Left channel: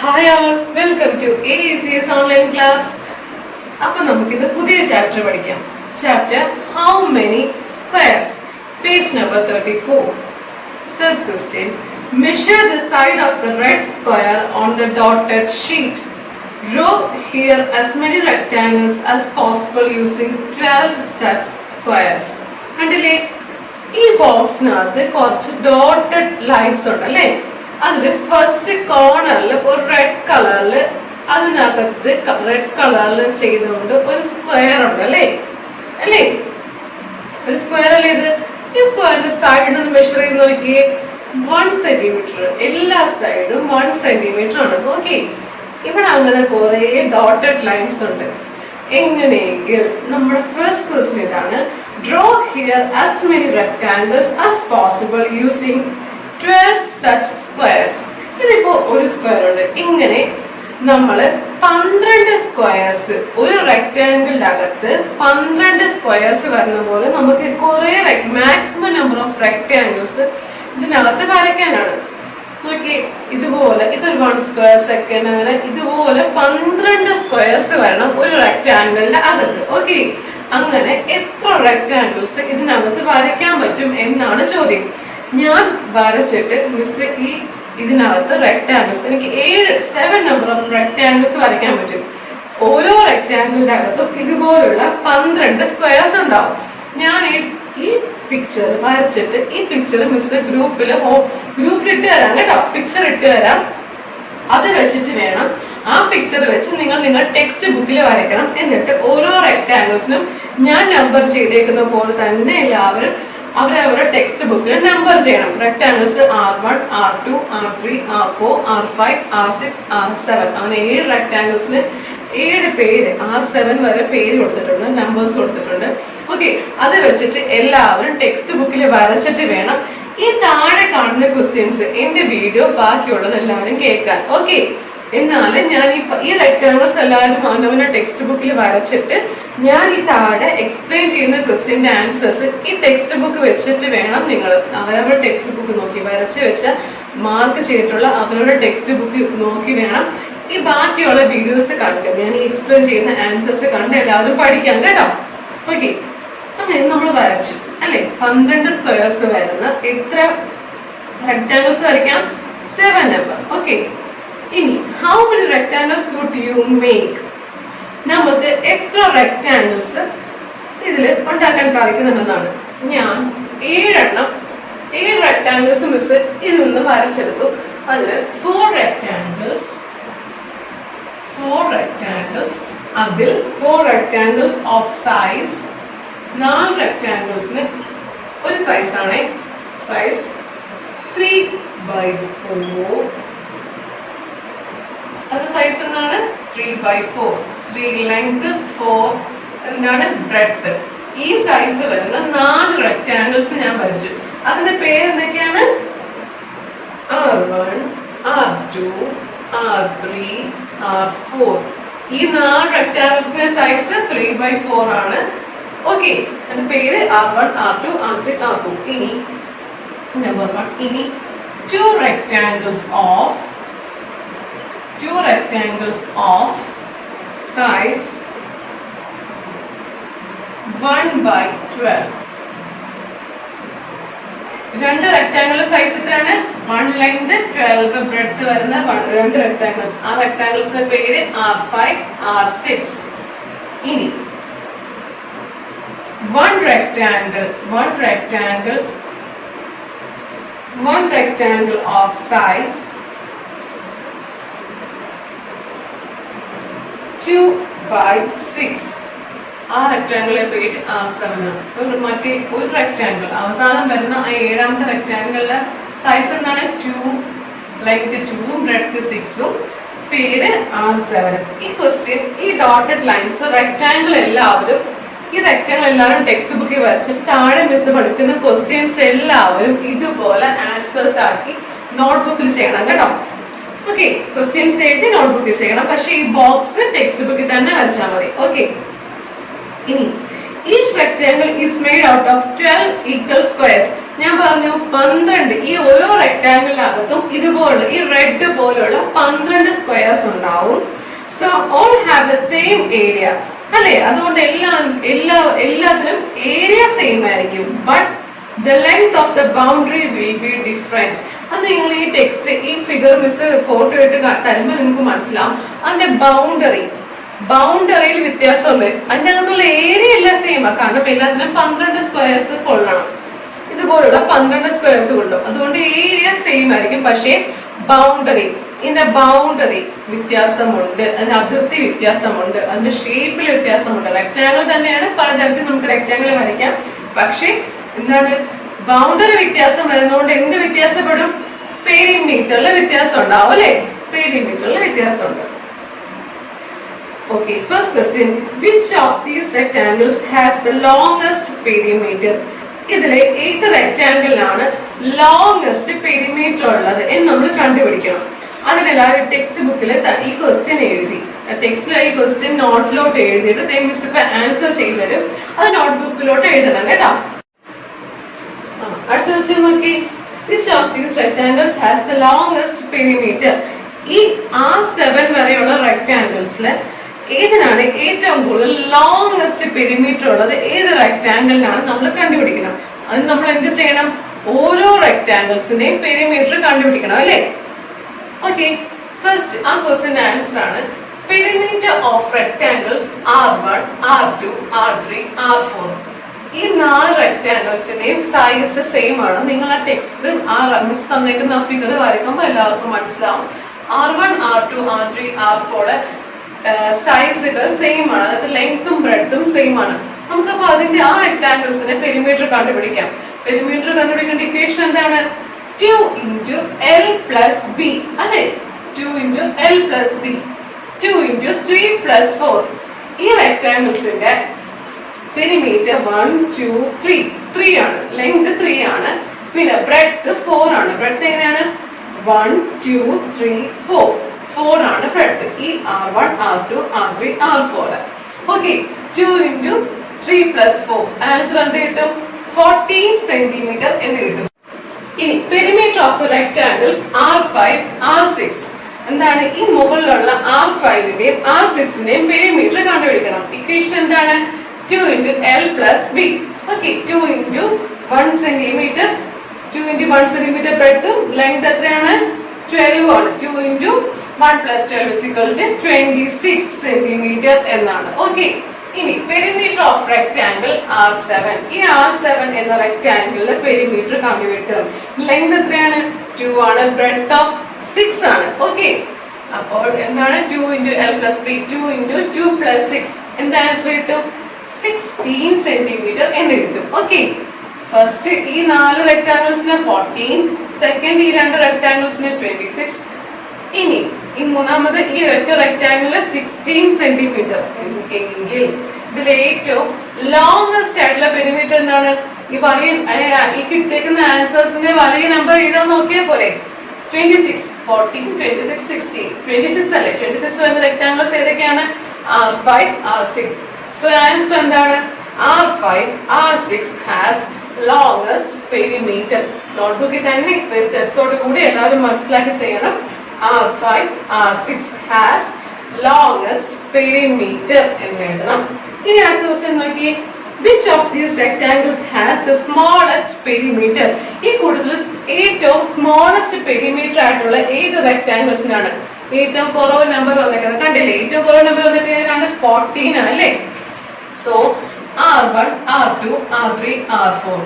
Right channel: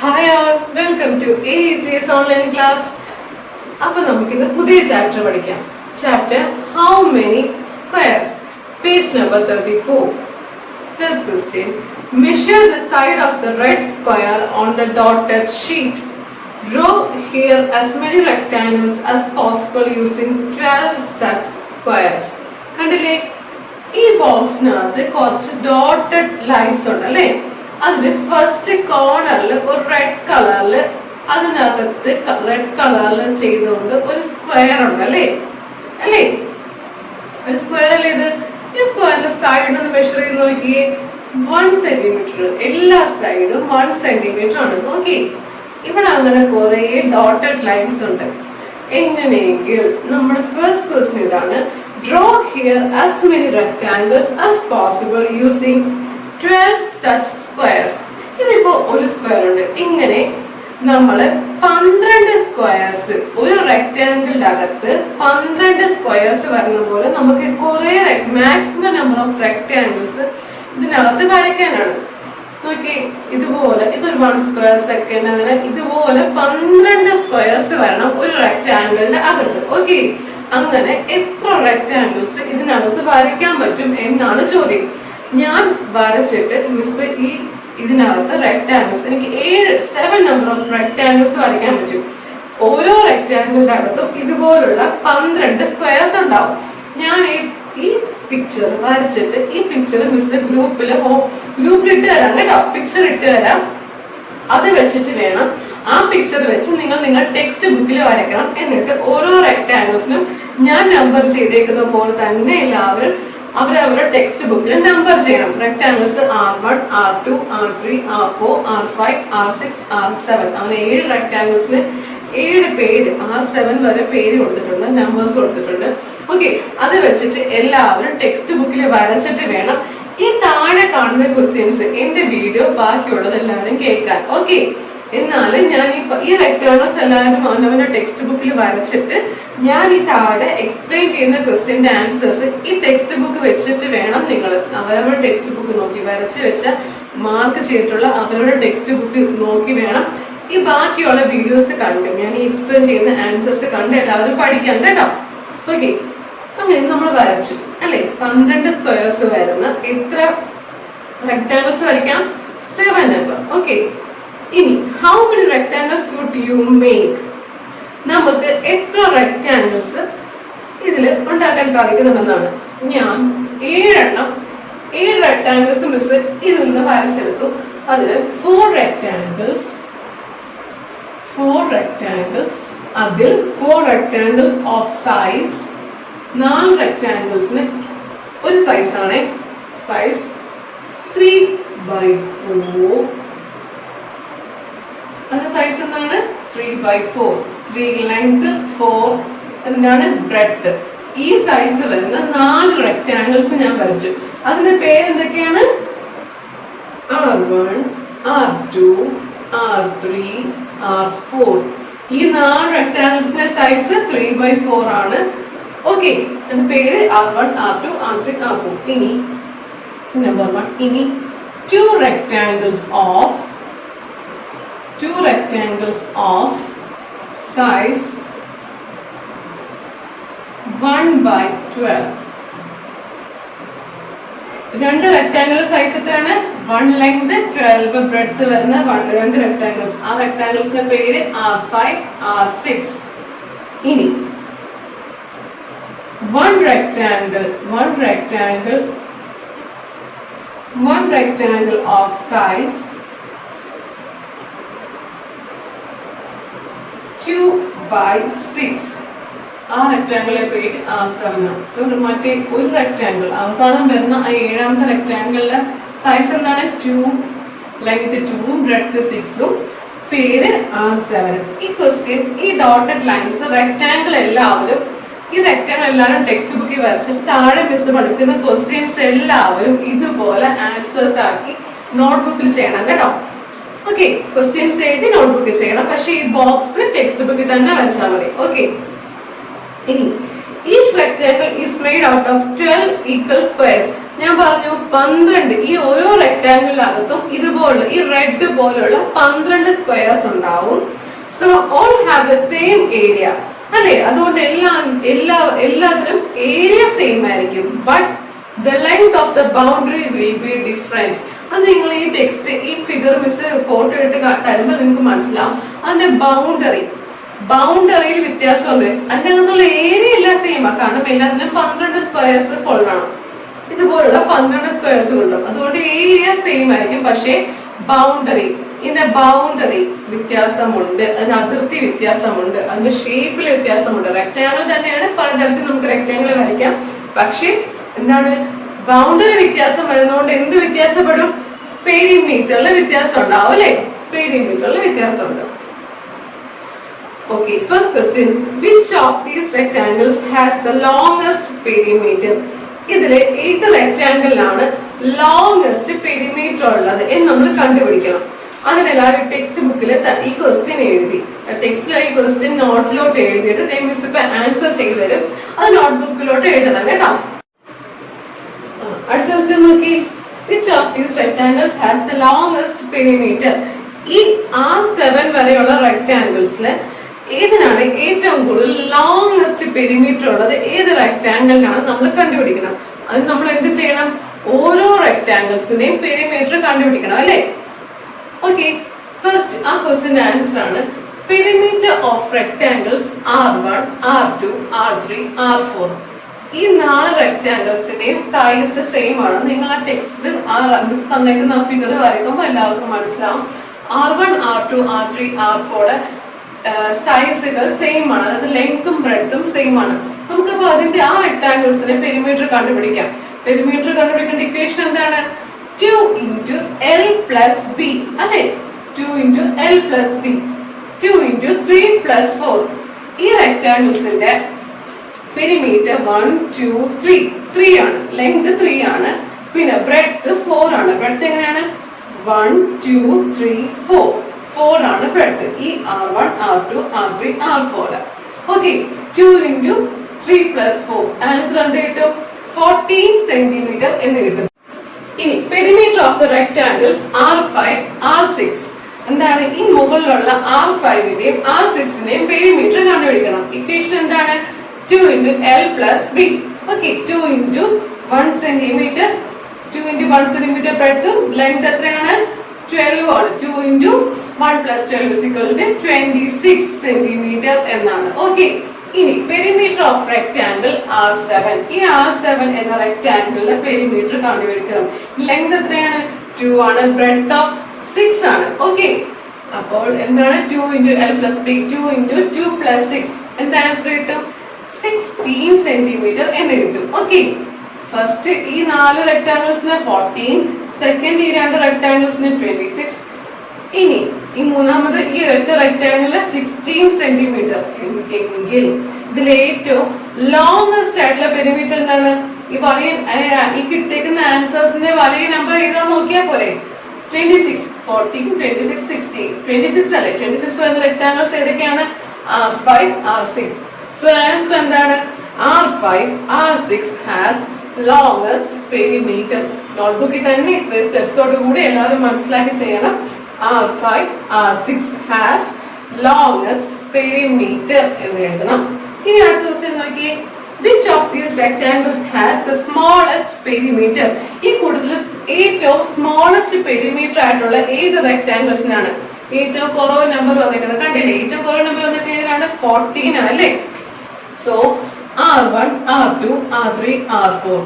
Hi all, welcome to AECS online class. അപ്പോൾ നമുക്കിത് പുതിയ ചാപ്റ്റർ പഠിക്കാം. Chapter How many squares? Page number 34. First question. Measure the side of the red square on the dotted sheet. Draw here as many rectangles as possible using 12 such squares. കണ്ടില്ലേ, ഈ ബോക്സിനകത്ത് കുറച്ച് dotted lines ഉണ്ട് അല്ലേ. അതില് first കോർണറിൽ ഒരു red കളറില് അതിനകത്ത് റെഡ് കളറിൽ ചെയ്തുകൊണ്ട് ഒരു സ്ക്വയർ ഉണ്ട് അല്ലേ അല്ലേ ഒരു സ്ക്വയർ അല്ലേ ഇത്. ഈ സ്ക്വയറിന്റെ സൈഡ് ഒന്ന് മെഷർ ചെയ്ത് നോക്കിയേ. 1 സെന്റിമീറ്റർ, എല്ലാ സൈഡും 1 സെന്റിമീറ്റർ ആണ്. ഓക്കെ, ഇവിടെ അങ്ങനെ കുറെ ഡോട്ടഡ് ലൈൻസ് ഉണ്ട്. എങ്ങനെയെങ്കിൽ നമ്മുടെ ഫസ്റ്റ് ക്വസ്റ്റ്യൻ ഇതാണ്. Draw here as many rectangles as possible using 12 such squares. ഇതിപ്പോ ഒരു സ്ക്വയർ ഉണ്ട്. ഇങ്ങനെ നമ്മള് 12 സ്ക്വയർസ്, ഒരു റെക്ടാംഗിളിന്റെ അകത്ത് 12 സ്ക്വയർസ് വരുന്ന പോലെ നമുക്ക് കുറെ മാക്സിമം നമ്പർ ഓഫ് റെക്ടാംഗിൾസ് ഇതിനകത്ത് വരയ്ക്കാനാണ്. നോക്കി, ഇതുപോലെ ഇതൊരു 1 സ്ക്വയർ സെക്കൻഡ്, അങ്ങനെ ഇതുപോലെ 12 സ്ക്വയർസ് വരണം ഒരു റെക്ടാംഗിളിന്റെ അകത്ത്. ഓക്കെ, അങ്ങനെ എത്ര റെക്ടാംഗിൾസ് ഇതിനകത്ത് വരയ്ക്കാൻ പറ്റും എന്നാണ് ചോദ്യം. ഞാൻ വരച്ചിട്ട് മിസ് ഇതിനകത്ത് റെക്ടാംഗിൾസ് എനിക്ക് 7 നമ്പർ ഓഫ് റെക്ടാംഗിൾസ് വരയ്ക്കാൻ പറ്റും. ഓരോ റെക്ടാംഗിളിന്റെ അകത്തും ഇതുപോലുള്ള 12 സ്ക്വയർസ് ഉണ്ടാവും. ഞാൻ ഈ പിക്ചർ വരച്ചിട്ട് ഈ പിക്ചർ മിസ് ഗ്രൂപ്പിൽ ഇട്ട് തരാം കേട്ടോ. പിക്ചർ ഇട്ട് തരാം. അത് വെച്ചിട്ട് വേണം ആ പിക്ചർ വെച്ച് നിങ്ങൾ ടെക്സ്റ്റ് ബുക്കിൽ വരയ്ക്കണം. എന്നിട്ട് ഓരോ റെക്ടാംഗിൾസിനും ഞാൻ നമ്പർ ചെയ്തേക്കുന്ന പോലെ തന്നെ എല്ലാവരും അവരവരുടെ ടെക്സ്റ്റ് ബുക്കിൽ നമ്പർ ചെയ്യണം. Rectangles R1, R2, R3, R4, R5, R6, R7 അങ്ങനെ 7 റെക്ടാംഗിൾസിന് 7 പേര്, R7 വരെ പേര് കൊടുത്തിട്ടുണ്ട്, നമ്പേഴ്സ് കൊടുത്തിട്ടുണ്ട്. ഓക്കെ, അത് വെച്ചിട്ട് എല്ലാവരും ടെക്സ്റ്റ് ബുക്കിൽ വരച്ചിട്ട് വേണം ഈ താഴെ കാണുന്ന ക്വസ്റ്റ്യൻസ് എന്റെ വീഡിയോ ബാക്കിയുള്ളത് എല്ലാവരും കേൾക്കാൻ. ഓക്കെ, എന്നാലും ഞാൻ ഈ റെക്ടാംഗിൾസ് എല്ലാവരും അവനവന്റെ ടെക്സ്റ്റ് ബുക്കിൽ വരച്ചിട്ട് ഞാൻ ഈ താഴെ എക്സ്പ്ലെയിൻ ചെയ്യുന്ന ക്വസ്റ്റ്യന്റെ ആൻസേഴ്സ് ഈ ടെക്സ്റ്റ് ബുക്ക് വെച്ചിട്ട് വേണം നിങ്ങൾ അവരവരുടെ ടെക്സ്റ്റ് ബുക്ക് നോക്കി വരച്ച് വെച്ച മാർക്ക് ചെയ്തിട്ടുള്ള അവരവരുടെ ടെക്സ്റ്റ് ബുക്ക് നോക്കി വേണം ഈ ബാക്കിയുള്ള വീഡിയോസ് കണ്ട് ഞാൻ ഈ എക്സ്പ്ലെയിൻ ചെയ്യുന്ന ആൻസേഴ്സ് കണ്ട് എല്ലാവരും പഠിക്കാൻ കേട്ടോ. ഓക്കെ, അങ്ങനെ നമ്മൾ വരച്ചു അല്ലെ. 12 സ്ക്വയർസ് വരുന്ന എത്ര റെക്ടാംഗിൾസ് വരയ്ക്കാം? 7 നമ്പർ. ഓക്കെ, ഇനി how many rectangles could you make? നമുക്ക് എത്ര റെക്ടാംഗിൾസ് ഇതില് ഉണ്ടാക്കാൻ സാധിക്കുന്നതാണ്. ഞാൻ 7 റെക്ടാംഗിൾസ് മിസ് ഇതിൽ നിന്ന് വരച്ചെടുത്തു. അതില് 4 റെക്ടാംഗിൾസ്, അതിൽ 4 റെക്ടാംഗിൾസ് ഓഫ് സൈസ് 4 റെക്ടാംഗിൾസിന് ഒരു സൈസ് ആണ്, സൈസ് 3/4. അത് സൈസ് എന്താണ്? 3/4. 3 ലെങ്ത്, 4 എന്താണ് ബ്രെഡ്ത്ത്. ഈ സൈസ് വരുന്ന 4 റെക്ടാംഗിൾസ് ഞാൻ വരച്ചു. അതിന്റെ പേര് എന്തൊക്കെയാണ്? R1, R2, R3, R4. ഈ 4 റെക്ടാംഗിൾസിന്റെ സൈസ് 3/4 ആണ്. ഓക്കെ, അതിന്റെ പേര് R1, R2, R3, R4. ഇനി നമ്പർ 1. ഇനി 2 rectangles of size 1/12. 2 rectangle size എത്രയാണ്? 1 ലെങ്ത്, 12 ബ്രെഡ്ത്ത് വരുന്ന 2 റെക്ടാംഗിൾസ്. ആ റെക്ടാംഗിൾസിന്റെ പേര് R5, R6. ഇനി 1 rectangle of size 2/6. ആ റെക്ടാംഗിളിലെ പേര് R7 ആണ്. മറ്റേ ഒരു റെക്ടാംഗിൾ അവസാനം വരുന്ന ആ 7ാമത്തെ റെക്ടാംഗിളിന്റെ സൈസ് എന്താണ്? 2 ലെങ്ത് 2 ബ്രെഡ്ത്ത് 6ഉം പേര് R7. ഈ ക്വസ്റ്റ്യൻ ഈ ഡോട്ടഡ് ലൈൻസ് റെക്ടാംഗിൾ എല്ലാവരും ടെക്സ്റ്റ് ബുക്കിൽ വരച്ചിട്ട് താഴെ മിസ് പഠിക്കുന്ന ക്വസ്റ്റ്യൻസ് എല്ലാവരും ഇതുപോലെ ആൻസേഴ്സ് ആക്കി നോട്ട്ബുക്കിൽ ചെയ്യണം കേട്ടോ. ഓക്കെ, ക്വസ്റ്റ്യൻസ് എഴുതി നോട്ട്ബുക്കിൽ ചെയ്യണം. പക്ഷെ ഈ ബോക്സ് ടെക്സ്റ്റ് ബുക്കിൽ തന്നെ വരച്ചാൽ മതി. ഓക്കെ, ഇനി each rectangle is made out of 12 equal squares. ഞാൻ പറഞ്ഞു 12, ഈ ഓരോ റെക്ടാംഗിളിനകത്തും ഇതുപോലെ ഈ റെഡ് പോലുള്ള 12 സ്ക്വയർസ് ഉണ്ടാവും. So all have the same area അല്ലെ, അതുകൊണ്ട് എല്ലാത്തിനും ഏരിയ സെയിം ആയിരിക്കും. But the length of the boundary will be different. അത് നിങ്ങൾ ഈ ടെക്സ്റ്റ് ഈ ഫിഗർ മിസ് ഫോട്ടോ ഇട്ട് തരുമ്പോൾ നിങ്ങൾക്ക് മനസ്സിലാവും. അതിന്റെ ബൗണ്ടറിയിൽ വ്യത്യാസമുണ്ട്. അതിന്റെ അകത്തുള്ള ഏരിയ എല്ലാം സെയിം ആ, കാരണം എല്ലാത്തിനും 12 സ്ക്വയർസ് കൊള്ളണം. ഇതുപോലുള്ള 12 സ്ക്വയർസ് കൊള്ളും. അതുകൊണ്ട് ഏരിയ സെയിം ആയിരിക്കും. പക്ഷേ ഇതിന്റെ ബൗണ്ടറി വ്യത്യാസമുണ്ട്, അതിന്റെ അതിർത്തി വ്യത്യാസമുണ്ട്, അതിന്റെ ഷേപ്പിൽ വ്യത്യാസമുണ്ട്. റെക്ടാംഗിൾ തന്നെയാണ്, പലതരത്തിൽ നമുക്ക് റെക്ടാംഗിൾ വരയ്ക്കാം. പക്ഷെ എന്താണ്, ബൗണ്ടറി വ്യത്യാസം വരുന്നതുകൊണ്ട് എന്ത് വ്യത്യാസപ്പെടും? പെരിമീറ്ററിൽ വ്യത്യാസം ഉണ്ടാവും അല്ലെ, പെരിമീറ്ററിൽ വ്യത്യാസമുണ്ട്. Okay, first question, which of these rectangles has the longest perimeter? ഇതിലെ ഏത് റെക്ടാംഗിളിലാണ് ലോങ്സ്റ്റ് പെരിമീറ്റർ ഉള്ളത് എന്ന് നമ്മൾ കണ്ടുപിടിക്കണം. അതിനെല്ലാവരും ടെക്സ്റ്റ് ബുക്കിൽ ഈ ക്വസ്റ്റ്യൻ എഴുതി, ടെക്സ്റ്റിൽ ഈ ക്വസ്റ്റ്യൻ നോട്ടിലോട്ട് എഴുതിയിട്ട് മിസ് ഇപ്പൊ ആൻസർ ചെയ്തു തരും. അത് നോട്ട്ബുക്കിലോട്ട് എഴുതണം കേട്ടോ. അടുത്ത ക്വസ്റ്റ്യൻ നോക്കി, which of these rectangles has the longest perimeter? ഈ R7 വരെയുള്ള റെക്ടാംഗിൾസില് ഏതിനാണ് ഏറ്റവും കൂടുതൽ ലോങ്സ്റ്റ് പെരിമീറ്റർ ഉള്ളത്? ഏത് റെക്ടാംഗിളിനാണ് നമ്മൾ കണ്ടുപിടിക്കണം. അത് നമ്മൾ എന്ത് ചെയ്യണം? ഓരോ റെക്ടാംഗിൾസിന്റെയും പെരിമീറ്റർ കണ്ടുപിടിക്കണം അല്ലെ. ഓക്കെ, ഫസ്റ്റ് ആ ക്വസ്റ്റ്യന്റെ ആൻസർ ആണ് perimeter of rectangles R1, R2, R3, R4. ഈ 4 റെക്ടാംഗിൾസിന്റെയും സൈസ് സെയിം ആണ്. നിങ്ങൾ ആ ടെക്സ്റ്റിൽ ആ മിസ് തന്നേക്കുന്ന ഫിഗർ വരയ്ക്കുമ്പോൾ എല്ലാവർക്കും മനസ്സിലാവും. R1, R2, R3, R4 സൈസുകൾ same ആണ്, അത് ലെങ്ത്തും ബ്രെഡ്ത്തും സെയിം ആണ്. നമുക്കപ്പോ അതിന്റെ ആ റെക്ടാംഗിൾസിന്റെ പെരിമീറ്റർ കണ്ടുപിടിക്കാം. പെരിമീറ്റർ കണ്ടുപിടിക്കേണ്ട ഇക്വേഷൻ എന്താണ്? 2 into L plus B അല്ലെ, 2 into L plus B, 2 into 3 plus 4. ഈ റെക്ടാംഗിൾസിന്റെ പെരിമീറ്റർ 1, 2, 3 ആണ്, ലെങ്ത് 3 ആണ്, പിന്നെ ബ്രെഡ്ത്ത് 4 ആണ്. ബ്രെഡ്ത്ത് എങ്ങനെയാണ്? 1, 2, 3, 4 ആണ് ബ്രെഡ്ത്ത്. ഈ R1, R2, R3, R4. Okay, 2 into 3 plus 4 answer എന്ത് കിട്ടും? 14 സെന്റിമീറ്റർ എന്ന് കിട്ടും. ഇനി perimeter of the rectangles R5, R6 എന്താണ്? ഈ മുകളിലുള്ള R5ന്റെയും R6ന്റെയും പെരിമീറ്റർ കണ്ടുപിടിക്കണം. ഇക്വേഷൻ എന്താണ്? 2 into L plus B. Okay, 2 into 1 centimetre, 2 into 1 centimetre ബ്രെഡ്ത്തും ലെങ്ത് എത്രയാണ്? 12 ആണ്. 2 into 1 plus 12 is equal to 26 centimetre എന്നാണ്. ഓക്കെ, ഇനി പെരിമീറ്റർ ഓഫ് റെക്ടാംഗിൾ R7. ഈ R7 എന്ന റെക്ടാംഗിളിന്റെ പെരിമീറ്റർ കണ്ടുപിടിക്കണം. ലെങ്ത് എത്രയാണ്? 2 ആണ്, ബ്രെഡ്ത്ത് 6 ആണ്. ഓക്കെ, അപ്പോൾ എന്താണ്? 2 into L plus B, 2 into 2 plus 6 എന്താ ആൻസർ കിട്ടും? 16 സെന്റിമീറ്റർ എന്ന് കിട്ടും. ഓക്കെ, ഫസ്റ്റ് ഈ 4 റെക്ടാംഗിൾസിന് 14, സെക്കൻഡ് ഈ 2 റെക്ടാംഗിൾസിന് 26, ഇനി ഈ മൂന്നാമത് ഈ ഒറ്റ റെക്ടാംഗിളില് 16 സെന്റിമീറ്റർ എങ്കിൽ ഇതിൽ ഏറ്റവും ലോങ്സ്റ്റ് ആയിട്ടുള്ള പെരിമീറ്റർ എന്താണ്? ഈ വലിയ ഈ കിട്ടിയേക്കുന്ന ആൻസേഴ്സിന്റെ വലിയ നമ്പർ എഴുതാൻ നോക്കിയാൽ പോലെ. 26, 14, 26, 16. 26 അല്ലെ? 26 വരുന്ന റെക്ടാംഗിൾസ് ഏതൊക്കെയാണ്? R5, R6. സോ ആൻസർ എന്താണ്? R5, R6 has longest perimeter. നോട്ട്ബുക്കിൽ തന്നെ സ്റ്റെപ്സോട് കൂടി എല്ലാവരും മനസ്സിലാക്കി ചെയ്യണം. R5, R6 has longest perimeter എന്ന് എഴുതണം. ഇനി അടുത്ത ക്വസ്റ്റ്യൻ നോക്കി, which of these rectangles has the smallest perimeter? ഈ കൂടുതൽ ഏറ്റവും സ്മോളസ്റ്റ് പെരിമീറ്റർ ആയിട്ടുള്ള ഏത് റെക്ടാംഗിൾസിനാണ്? ഏറ്റവും കുറവ് നമ്പർ വന്നിരിക്കുന്നത് കണ്ടില്ലേ? ഏറ്റവും കുറവ് നമ്പർ വന്നിട്ട് 14 അല്ലേ? So R1, R2, R3, R4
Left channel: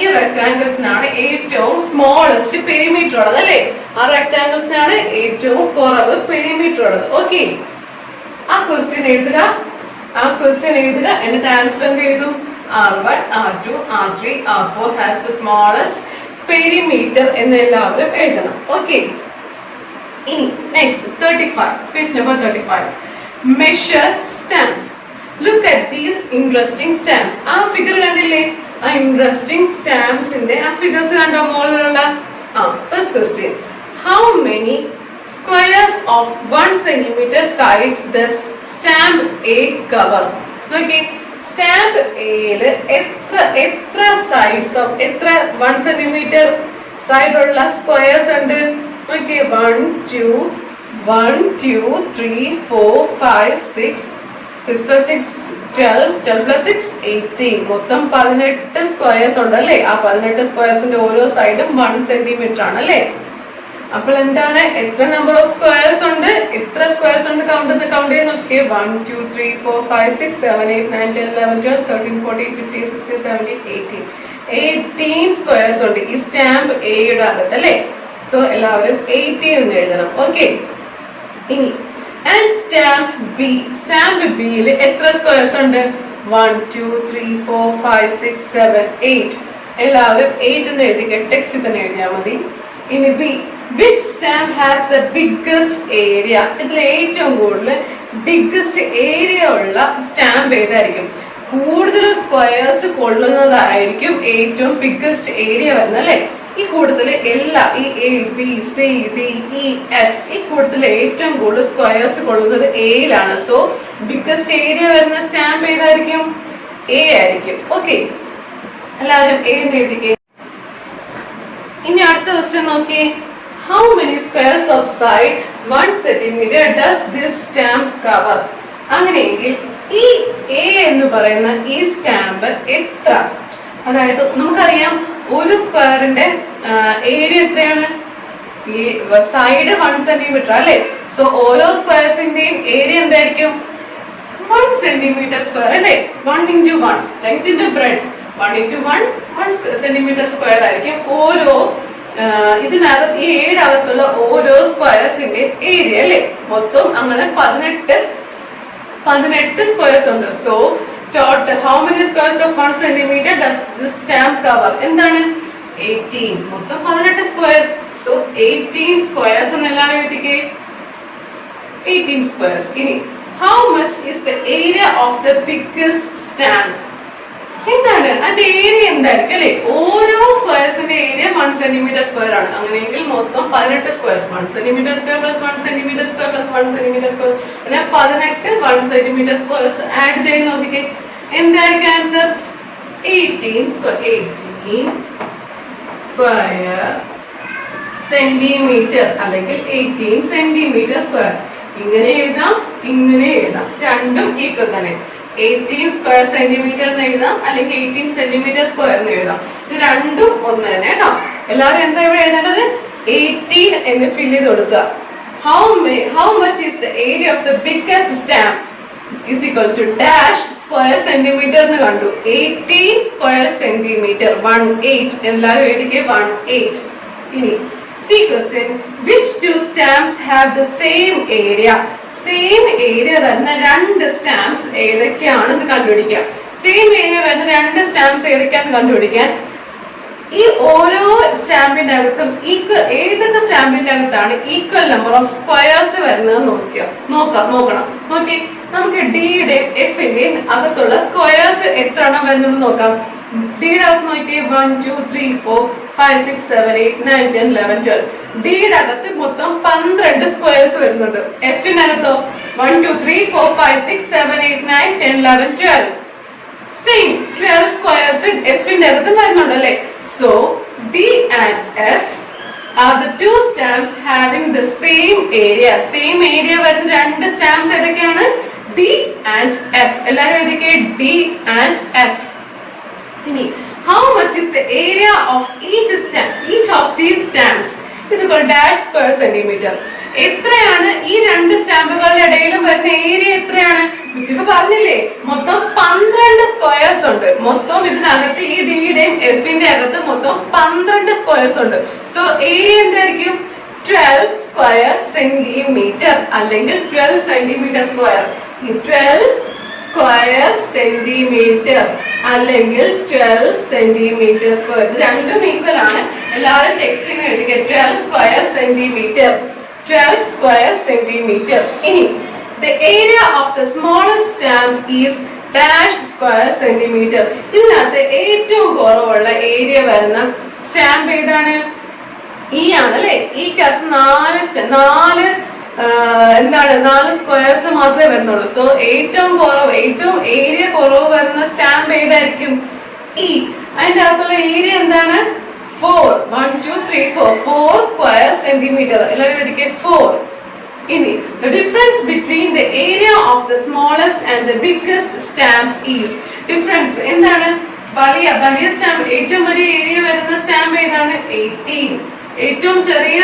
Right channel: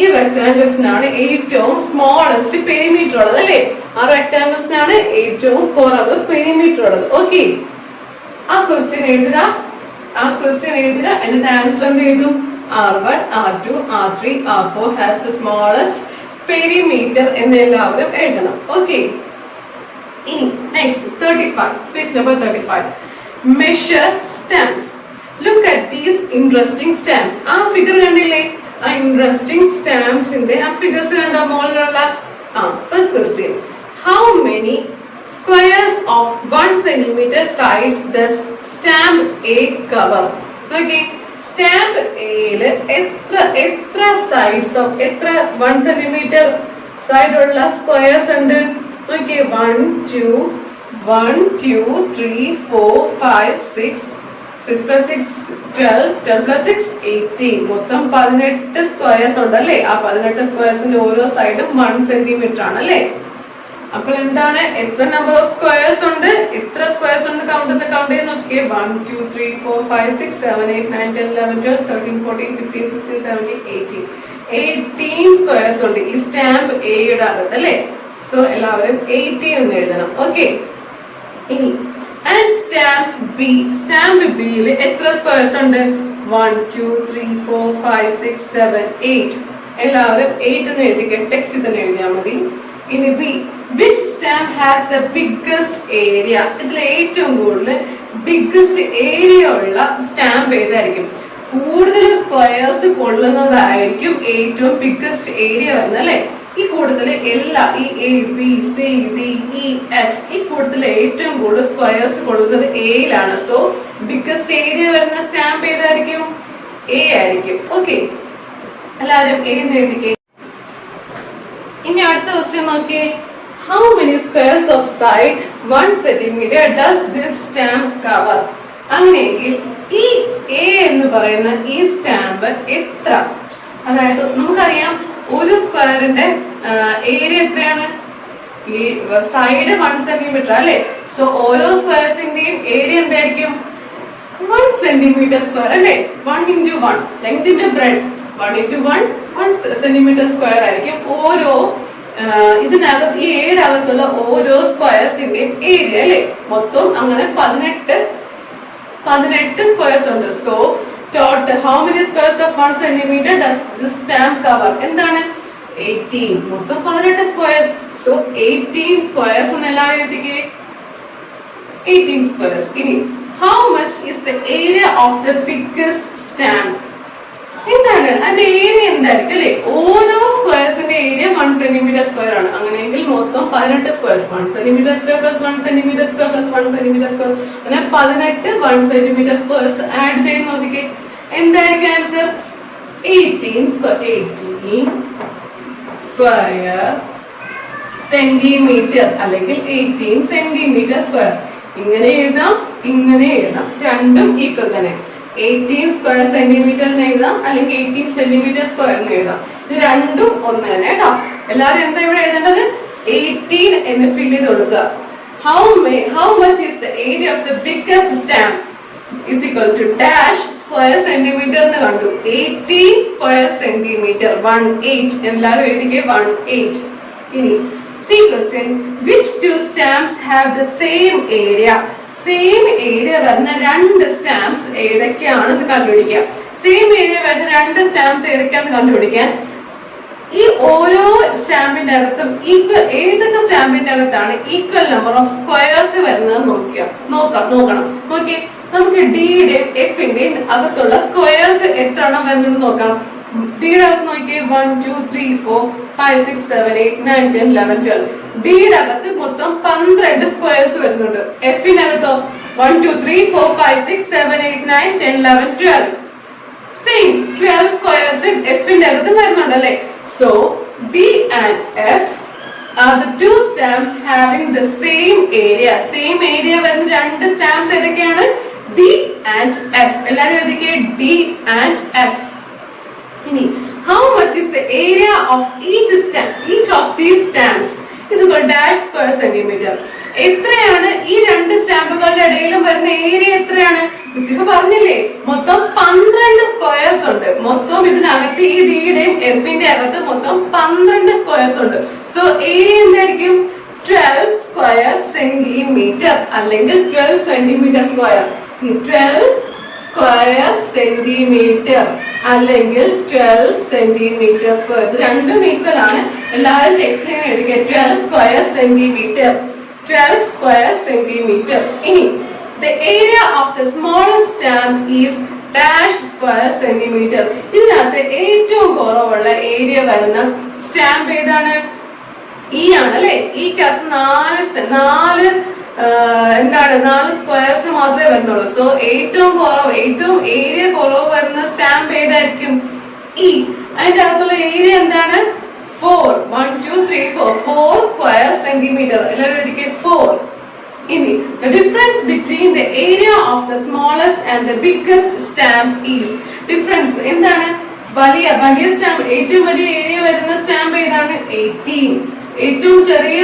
ഈ റെക്ടാംഗിൾസിനാണ് ഏറ്റവും സ്മോളസ്റ്റ് പെരിമീറ്റർ ഉള്ളത് അല്ലെ? ആ റെക്ടാംഗിൾസിനാണ് ഏറ്റവും കുറവ് പെരിമീറ്റർ ഉള്ളത്. ഓക്കെ, ആ ക്വസ്റ്റ്യൻ എഴുതുക, എന്നിട്ട് ആൻസർ എന്ത് എഴുതും? R1, R2, R3, R4 has the smallest perimeter എന്ന് എല്ലാവരും എഴുതണം. ഓക്കെ, ഇനി next 35, page number 35. Measure stamps. Look at these interesting stamps. ആ ഫിഗർ കണ്ടില്ലേ? ആ ഇൻട്രസ്റ്റിംഗ് സ്റ്റാമ്പ്സിന്റെ ആ ഫിഗേഴ്സ് കണ്ടോ മുകളിലുള്ള? First question, how many squares of 1 centimeter sides does stamp A cover? Okay, stamp എയില് എത്ര സൈഡ്സ് ഓഫ് എത്ര 1 സെന്റിമീറ്റർ സൈഡ് ഉള്ള സ്ക്വയർസ് ഉണ്ട്? ഓക്കെ, 1 2 3 4 5 6 6 plus 6 12 12 plus 6 18 മൊത്തം 18 സ്ക്വയർസ് ഉണ്ട് അല്ലേ? ആ 18 സ്ക്വയർസിന്റെ ഓരോ സൈഡും 1 സെന്റിമീറ്റർ ആണ് അല്ലേ? അപ്പോൾ എന്താണ്, എത്ര നമ്പർ ഓഫ് സ്ക്വയർസ് ഉണ്ട്, എത്ര സ്ക്വയർസ് ഉണ്ട് കൗണ്ട് ചെയ്ത് നോക്കിയേ. 1 2 3 4 5 6 7 8 9 10 11 12 13 14 15 16 17 18 സ്ക്വയർസ് ഉണ്ട് ഈ സ്റ്റാമ്പ് എയുടെ അകത്ത് അല്ലേ? സോ എല്ലാവരും 18 എന്ന് എഴുതണം. ഓക്കെ, ഇനി ആൻഡ് സ്റ്റാമ്പ് ബിയിൽ എത്ര സ്ക്വയർസ് ഉണ്ട്? 1 2 3 4 5 6 7 8 എല്ലാവരും 8 എന്ന് എഴുതിക്കുക. ടെക്സ്റ്റ് തന്നെ എഴുതിയാൽ മതി. ഇനി B, which stamp has the biggest area? ഇതിൽ ഏറ്റവും കൂടുതൽ ബിഗ്ഗസ്റ്റ് ഏരിയ ഉള്ള സ്റ്റാമ്പ് ഏതായിരിക്കും? കൂടുതൽ സ്ക്വയർസ് കൊള്ളുന്നതായിരിക്കും ഏറ്റവും ബിഗ്ഗസ്റ്റ് ഏരിയ വരുന്നത് അല്ലെ? ഈ കൂടുതൽ എല്ലാ ഈ A B C D E F ഈ കൂടുതൽ ഏറ്റവും കൂടുതൽ സ്ക്വയർസ് കൊള്ളുന്നത് എയിലാണ്. സോ ബിഗ്ഗസ്റ്റ് ഏരിയ വരുന്ന സ്റ്റാമ്പ് ഏതായിരിക്കും? എ ആയിരിക്കും. ഓക്കെ, എല്ലാവരും എ എന്ന് എഴുതിക്കേ. ഇനി അടുത്ത ക്വസ്റ്റ്യൻ നോക്കിയേ. How many squares of side 1 centimetre does this stamp cover? അങ്ങനെയെങ്കിൽ ഈ എ എന്ന് പറയുന്ന ഈ സ്റ്റാമ്പ് എത്ര, അതായത് നമുക്കറിയാം ഒരു സ്ക്വയറിന്റെ ഏരിയ എത്രയാണ്? ഈ സൈഡ് 1 സെന്റിമീറ്റർ അല്ലെ? സോ ഓരോ സ്ക്വയർസിന്റെയും ഏരിയ എന്തായിരിക്കും? 1 സെന്റിമീറ്റർ സ്ക്വയർ അല്ലെ? 1 into 1 length into breadth 1 into 1 centimetre square ആയിരിക്കും ഓരോ ഇതിനകത്ത് ഈ ഏഴകത്തുള്ള ഓരോ സ്ക്വയർസിന്റെയും ഏരിയ അല്ലെ? മൊത്തം അങ്ങനെ 18 സ്ക്വയർസ് ഉണ്ട്. So total how many squares of 1 centimetre does this stamp cover? എന്താണ്? 18. മൊത്തം 18 സ്ക്വയർസ്. സോ 18 സ്ക്വയർസ് എന്ന് എല്ലാവരും എഴുതിക്കേ. 18 സ്ക്വയർസ്. ഇനി how much is the area of the biggest stamp? എന്താണ് അതിന്റെ ഏരിയ എന്തായിരിക്കും അല്ലെ? ഓരോ സ്ക്വയർസിന്റെ ഏരിയ 1 സെന്റിമീറ്റർ സ്ക്വയർ ആണ്. അങ്ങനെയെങ്കിൽ മൊത്തം 18 squares. 1 centimetre square plus 1 centimetre square plus 1 centimetre square അങ്ങനെ 18 1 സെന്റിമീറ്റർ സ്ക്വയർസ് ആഡ് ചെയ്ത് നോക്കിക്കേ. എന്തായിരിക്കും ആൻസർ? 18 സ്ക്വയർ സെന്റിമീറ്റർ അല്ലെങ്കിൽ 18 സെന്റിമീറ്റർ സ്ക്വയർ. ഇങ്ങനെ എഴുതാം, ഇങ്ങനെ എഴുതാം, രണ്ടും ഈക്വൽ തന്നെ. 18 സ്ക്വയർ സെന്റിമീറ്റർ എന്ന് എഴുതാം, അല്ലെങ്കിൽ 18 സെന്റിമീറ്റർ സ്ക്വയർ എന്ന് എഴുതാം. ഇത് രണ്ടും ഒന്ന് തന്നെ കേട്ടോ. എല്ലാവരും എന്താ ഇവിടെ എഴുതേണ്ടത്? 18 എന്ന് ഫിൽ ചെയ്ത് കൊടുക്കുക. How much is the area of the biggest stamp is equal to dash square centimetre എന്ന് കണ്ടു. 18 സ്ക്വയർ സെന്റിമീറ്റർ 18 എല്ലാവരും എഴുതിക്കേ. 18. ഇനി C question, which two stamps have the same area? Same area വരുന്ന രണ്ട് സ്റ്റാമ്പ്സ് ഏതൊക്കെയാണെന്ന് കണ്ടുപിടിക്കാം. സെയിം ഏരിയ വരുന്ന രണ്ട് സ്റ്റാമ്പ്സ് ഏതൊക്കെയാണെന്ന് കണ്ടുപിടിക്കാൻ ഈ ഓരോ സ്റ്റാമ്പിന്റെ അകത്തും ഏതൊക്കെ സ്റ്റാമ്പിന്റെ അകത്താണ് ഈക്വൽ നമ്പർ ഓഫ് സ്ക്വയർസ് വരുന്നത് നോക്കണം. നോക്കി നമുക്ക് ഡിയുടെയും എഫിന്റെയും അകത്തുള്ള സ്ക്വയർസ് എത്ര എണ്ണം വരുന്നത് നോക്കാം. ഡിയുടെ അകത്ത് നോക്കിയേ 1 2 3 4 5 6 7 8 9 10 11 12. ഡിയുടെ അകത്ത് മൊത്തം 12 സ്ക്വയർസ് വരുന്നുണ്ട്. എഫിനകത്തോ 1 2 3 4 5 6 7 8 9 10 11 12. സെയിം 12 സ്ക്വയർസ് എഫിന്റെ അകത്ത് വരുന്നുണ്ടല്ലേ? So D and F are the two stamps having the same area. Same area വരുന്ന രണ്ട് സ്റ്റാമ്പ്സ് ഏതൊക്കെയാണ്? D and F. എല്ലാവരും എഴുതിക്കേ D and F. ഇനി how much is the area of each of these stamps is equal dash per centimeter. എത്രയാണ് ഈ രണ്ട് സ്റ്റാമ്പുകളുടെ ഇടയിലും വരുന്ന ഏരിയ എത്രയാണ്? മിസ്സിന് പറഞ്ഞില്ലേ മൊത്തം 12 സ്ക്വയർസ് ഉണ്ട്. മൊത്തം ഇതിനകത്ത് ഈ ഡിയുടെയും എഫിന്റെ അകത്ത് മൊത്തം 12 സ്ക്വയർസ് ഉണ്ട്. സോ ഏരിയ എന്തായിരിക്കും? 12 സ്ക്വയർ സെന്റിമീറ്റർ അല്ലെങ്കിൽ 12 സെന്റിമീറ്റർ സ്ക്വയർ. 12 സ്ക്വയർ സെന്റിമീറ്റർ അല്ലെങ്കിൽ 12 സെന്റിമീറ്റർ സ്ക്വയർ. ഇത് രണ്ടും ഈക്വൽ ആണ്. എല്ലാവരും ടെക്സ്റ്റിന് എഴുതിക്കുക 12 സ്ക്വയർ സെന്റിമീറ്റർ. 12 square centimeter. ഇനി the area of the smallest stamp is dash square centimeter. ഇതിനകത്ത് ഏറ്റവും കുറവുള്ള ഏരിയ വരുന്ന സ്റ്റാമ്പ് ഏതാണ്? ഈ ആണ് അല്ലെ? ഈക്കകത്ത് 4 എന്താണ് 4 സ്ക്വയർസ് മാത്രമേ വരുന്നുള്ളൂ. സോ ഏറ്റവും ഏരിയ കുറവ് വരുന്ന സ്റ്റാമ്പ് ഏതായിരിക്കും? ഇ. അതിന്റെ അകത്തുള്ള ഏരിയ എന്താണ്? 4 1 2 3 4 സ്ക്വയർ സെന്റിമീറ്റർ. എല്ലാവരും എഴുതിക്കേ 4. ഇനി the difference between the area of the smallest and the biggest stamp is. Difference എന്താണ്? വലിയ സ്റ്റാമ്പ്, ഏറ്റവും വലിയ ഏരിയ വരുന്ന സ്റ്റാമ്പ് ഏതാണ്? 18. ഏറ്റവും ചെറിയ